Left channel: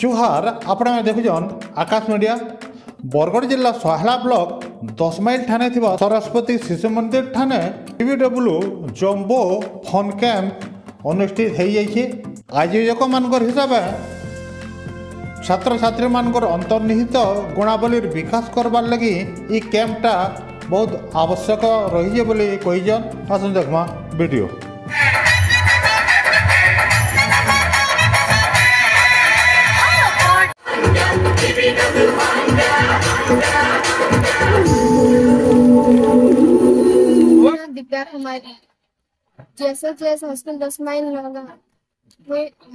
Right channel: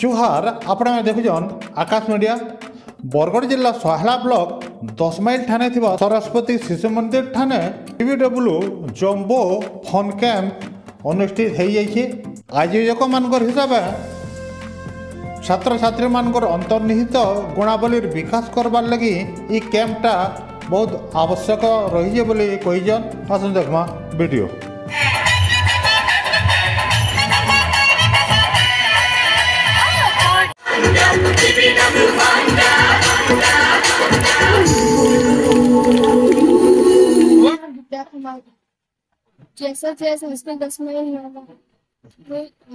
जुहार आपण देखुन आकाश मीडिया बरगढ़ जिला सोहला ब्लॉक 10 माइल ठाणे थिबा सरस्वती शिशु मंदिर ठाणे टीवीडब्ल्यू जम्बो फन कैंप अनुष्ठित हो जाइए। आयोजक मानकर हिसाब छात्र छात्री मानकर अंतर्निहित गुणावली विकास करवार लगी ये कैंपटा बहुत आवश्यक रही बोली कहीजन। आसन देखमा वीडियो। हमारी जैसा हॉस्पिटल 10 माइल लगा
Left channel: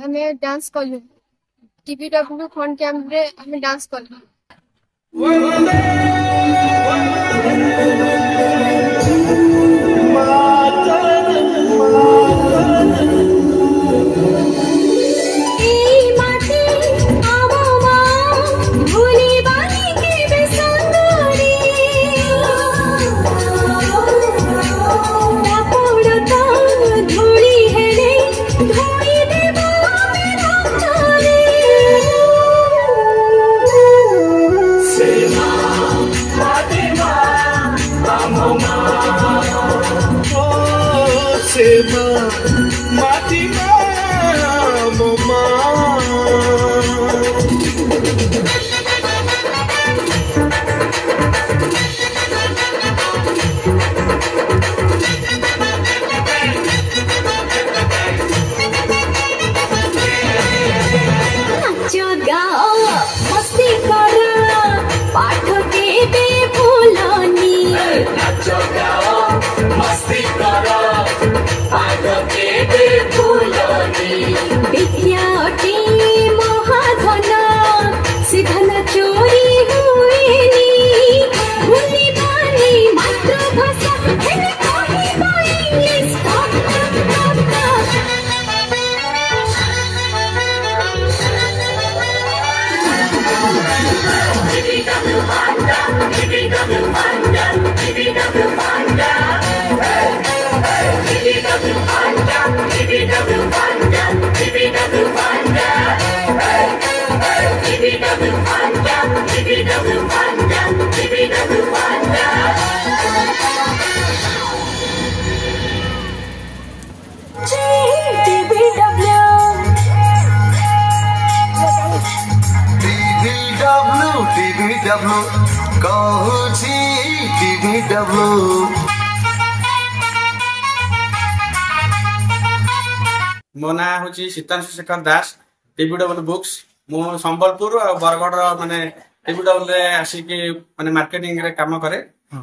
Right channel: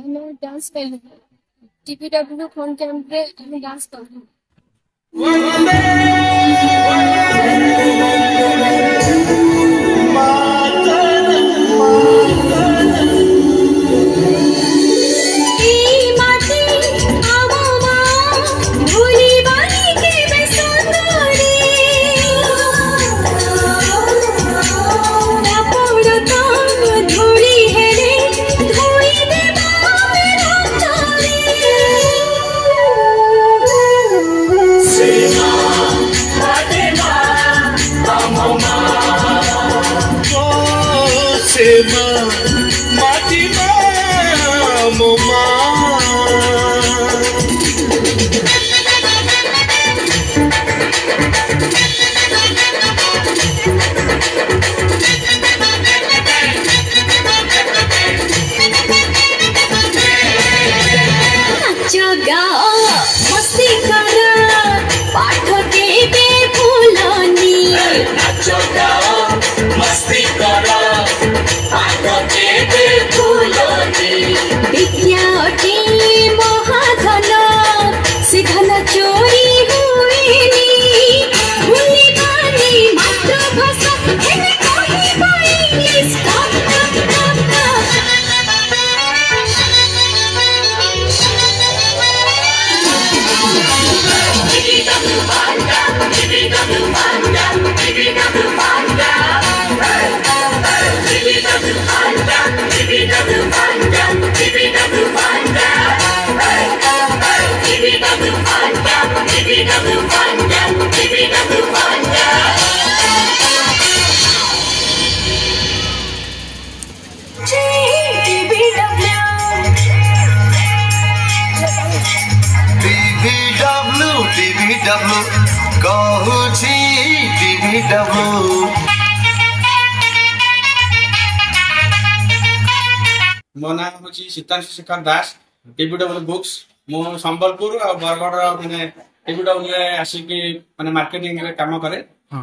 हमें डांस कर लूँ टीवीडब्ल्यू फन कैंप रे हमें डांस कर लूँ। मो ना हूँ सीतांशु शेखर दास टीवीडब्ल्यू बुक्स मु संबलपुर और बरगढ़ माने टीवीडब्ल्यू आसिक माने मार्केटिंग रे काम करे।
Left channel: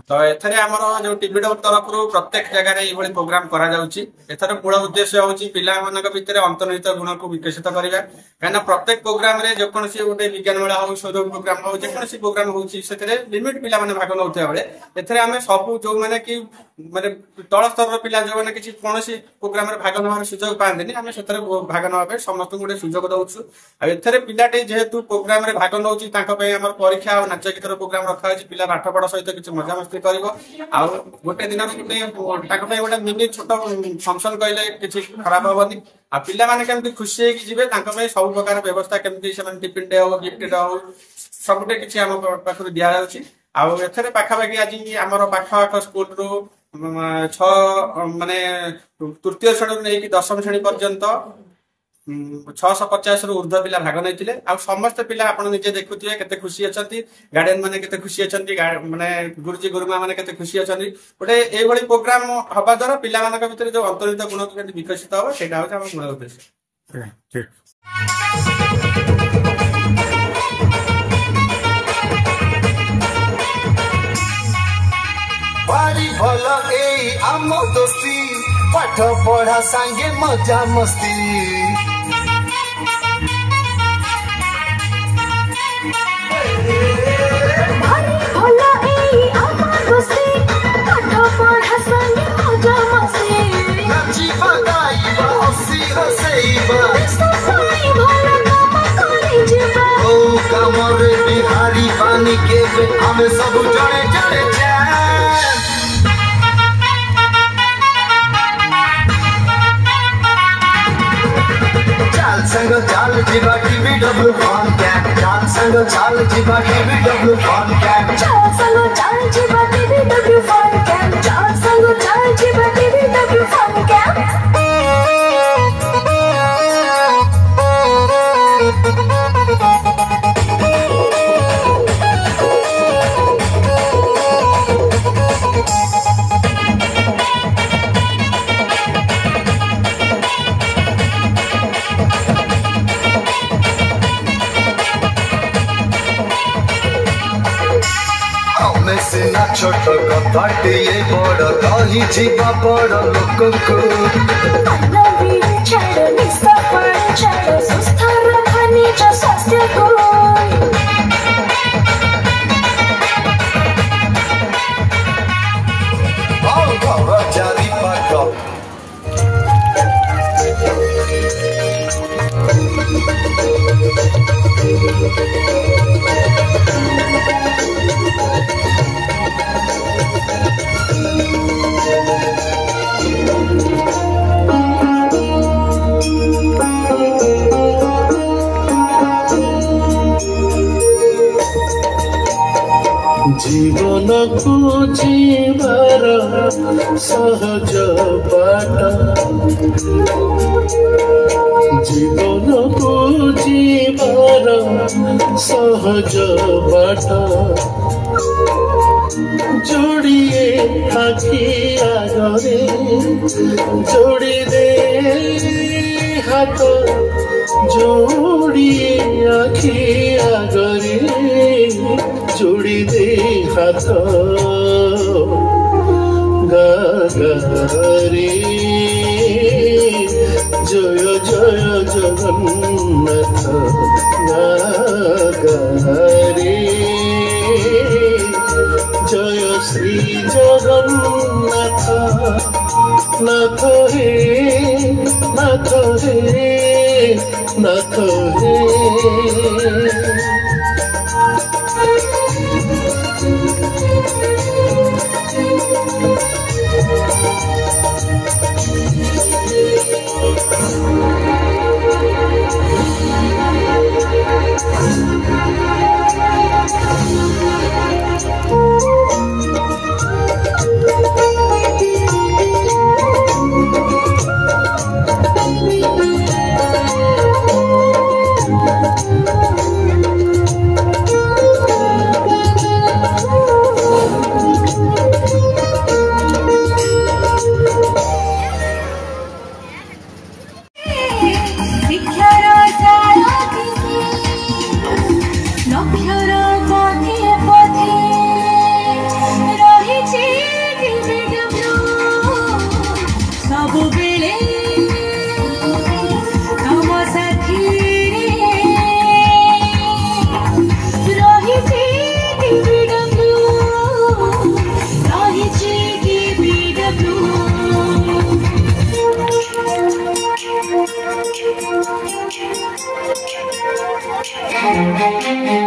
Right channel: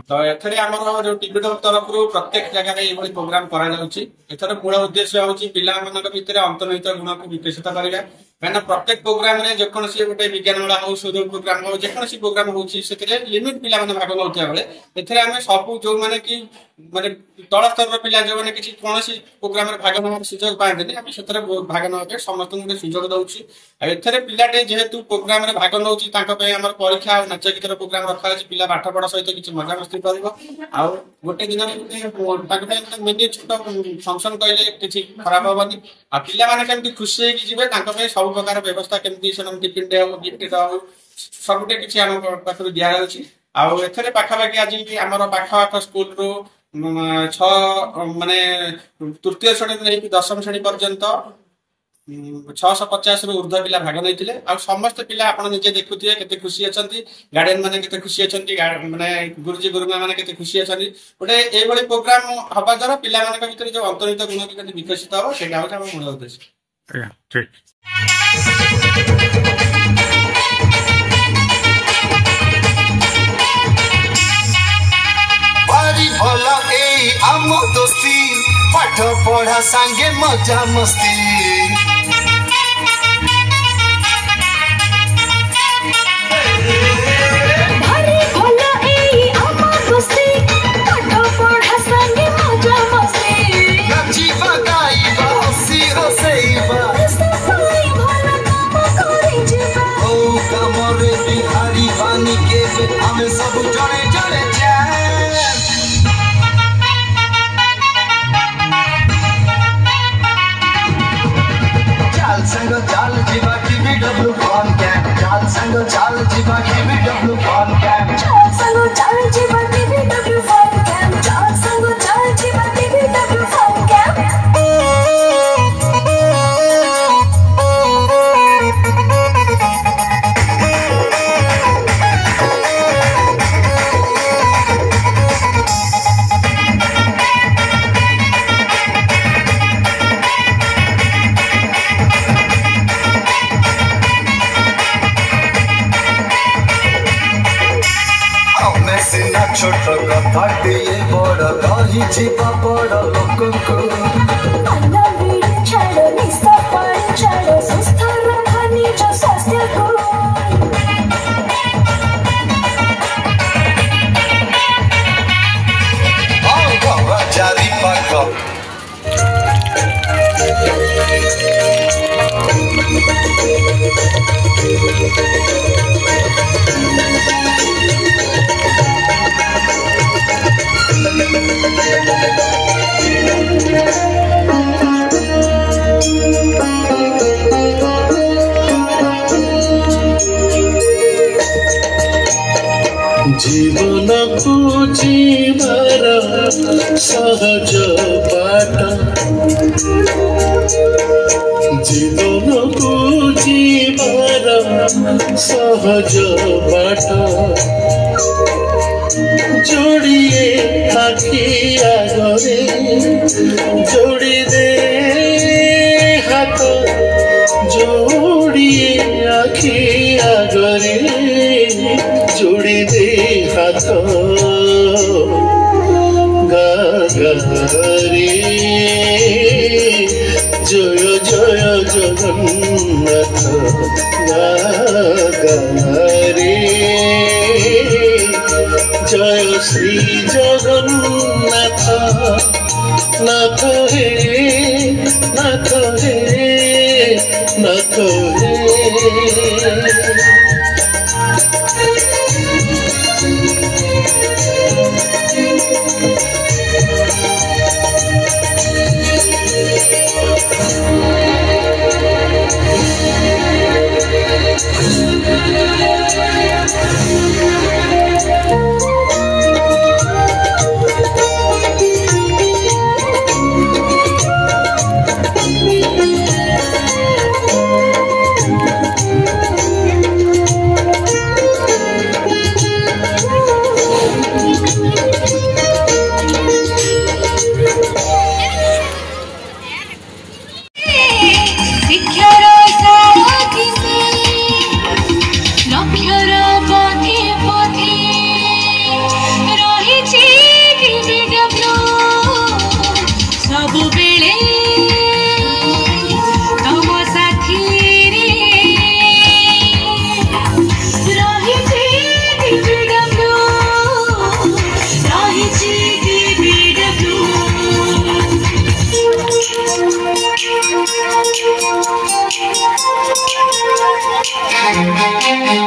तो एथरे हमर जो टीवीडब्ल्यू तरफ प्रत्येक जगह रे ये प्रोग्राम करा जाउची। एथरे मूल उद्देश्य होची पिला मानक भितर अंतर्निहित गुण को विकसित करिया। कहना प्रत्येक प्रोग्राम रे जेकोसी गोटे विज्ञान मेला हो शोध प्रोग्राम हो जेकोसी प्रोग्राम होची सेतरे लिमिट पिला माने भाग नउथे बेले एथरे हमें सब जो माने कि माने तळ स्तर पिला जो माने किछि कोनोसी प्रोग्राम रे भाग नवार सुयोग पाएंदेनी हमें सेतरे भाग नवाबे समस्त गोटे सुयोग दउछु। आ एथरे पिलाटे जेहेतु प्रोग्राम रे भाग नउची तांको पे हमर परीक्षा और नाच गीतर प्रोग्राम रखा अछि। पिला पाठ पढ़ा सहित किछि मजा मस्ती करिवो आ गोटे दिन गोटे तांको पे गोटे मिनी छोट फंक्शन कइले किछि खराब होबनी। आ पिला माने केमति खुशी हे कि जिवे तांको पे सब प्रकार व्यवस्था केमति से टिफिन डे हो गिफ्ट डे हो सबटे किछि हम पाखरु दिया जाउछि। आ एथरे पाखापाखि आज आमर पाख स्कूल रो 6 माने तृतीय श्रेणी नहीं कि 10वीं श्रेणी पर्यंत 650 रु ऊर्ध्व पिला भाग नैथिले। आ समस्त पिला आपण निजे देखुथिए केते खुशी अछंती गार्डियन माने केते खुशी अछंती माने गुरुजी गुरुमा माने केते खुशी अछंती। गोटे ए भली प्रोग्राम हबा द्वारा पिला मानक भितर जो अंतर्निहित गुण केते विकसित हो सेटा हो हमर मूल उद्देश्य। ठीक भला ए आम दोस्ती पाठ पढ़ा संगे मजा मस्ती हमें सब जड़े जड़े चल संग चल जीवा टीवीडब्ल्यू संग चाल जीवा TBW फन कैंप चल संग चाल जीवा TBW फन कैंप चल संग चाल जीवा TBW फन कैंप सिना छोट कपाटी बड़ रही जीवा बड़ लोक को छाड़ निस्ता पाड़ छाड़ सुस्थ रखा निज स्वास्थ्य को जारी पाक जीवनकु जीवार सहज बाट जीवनकु जीवार सहज बाट जोड़िए आखि आगरे जोड़ी दे हाथ जोड़िए आखि आगरे जोड़ी दे हाथ गारे जय जय जगन्नाथ गारे जय श्री जगन्नाथ नाथ हे नाथ हे नाथ हे Thank you.